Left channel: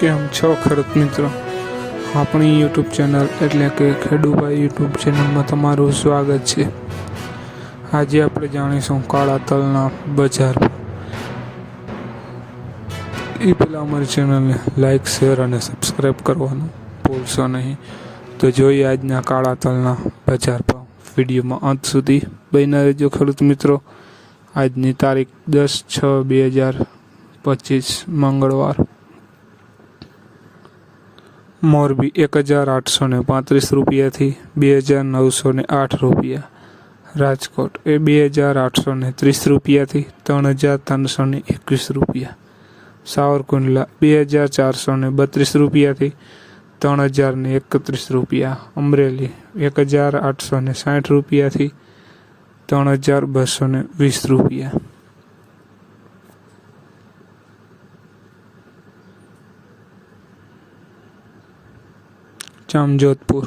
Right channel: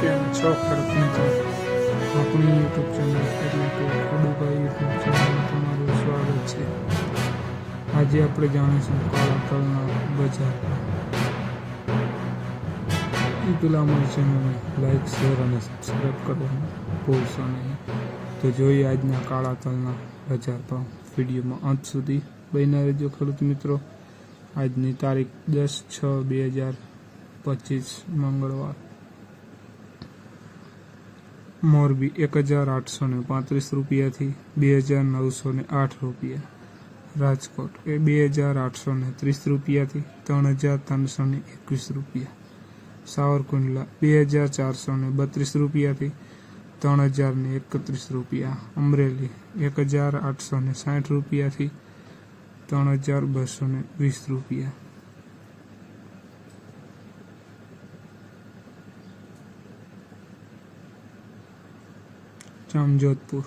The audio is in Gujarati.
કેમ છો ખેડૂત મિત્રો? આપણી યુટ્યુબ ચેનલ એટલે કે ખેડૂભાઈ યુટ્યુબ ચેનલમાં તમારું સ્વાગત છે. આજે આપણે જાણીશું કાળા તલના બજાર એ પહેલાં અમારી ચેનલને લાઈક, શેર અને સબસ્ક્રાઈબ કરવાનું ભૂલશો નહીં. તો જોઈએ આજના કાળા તલના બજાર પણ વિડીયોમાં અંત સુધી બન્યા રહેજો ખેડૂત મિત્રો. આજની તારીખ દસ છ બે હજાર પચીસ, મંગળવાર. મોરબી એક હજાર આઠસો ને પાંત્રીસ રૂપિયાથી બે હજાર નવસો ને આઠ રૂપિયા. રાજકોટ એ બે હજાર આઠસો ને ત્રીસ રૂપિયાથી ત્રણ હજાર ત્રણસો ને એકવીસ રૂપિયા. સાવરકુંડલા બે હજાર ચારસો ને બત્રીસ રૂપિયાથી ત્રણ હજાર ને એકત્રીસ રૂપિયા. અમરેલી એક હજાર આઠસો ને સાઠ રૂપિયાથી ત્રણ હજાર બસો ને વીસ રૂપિયા. જામજોધપુર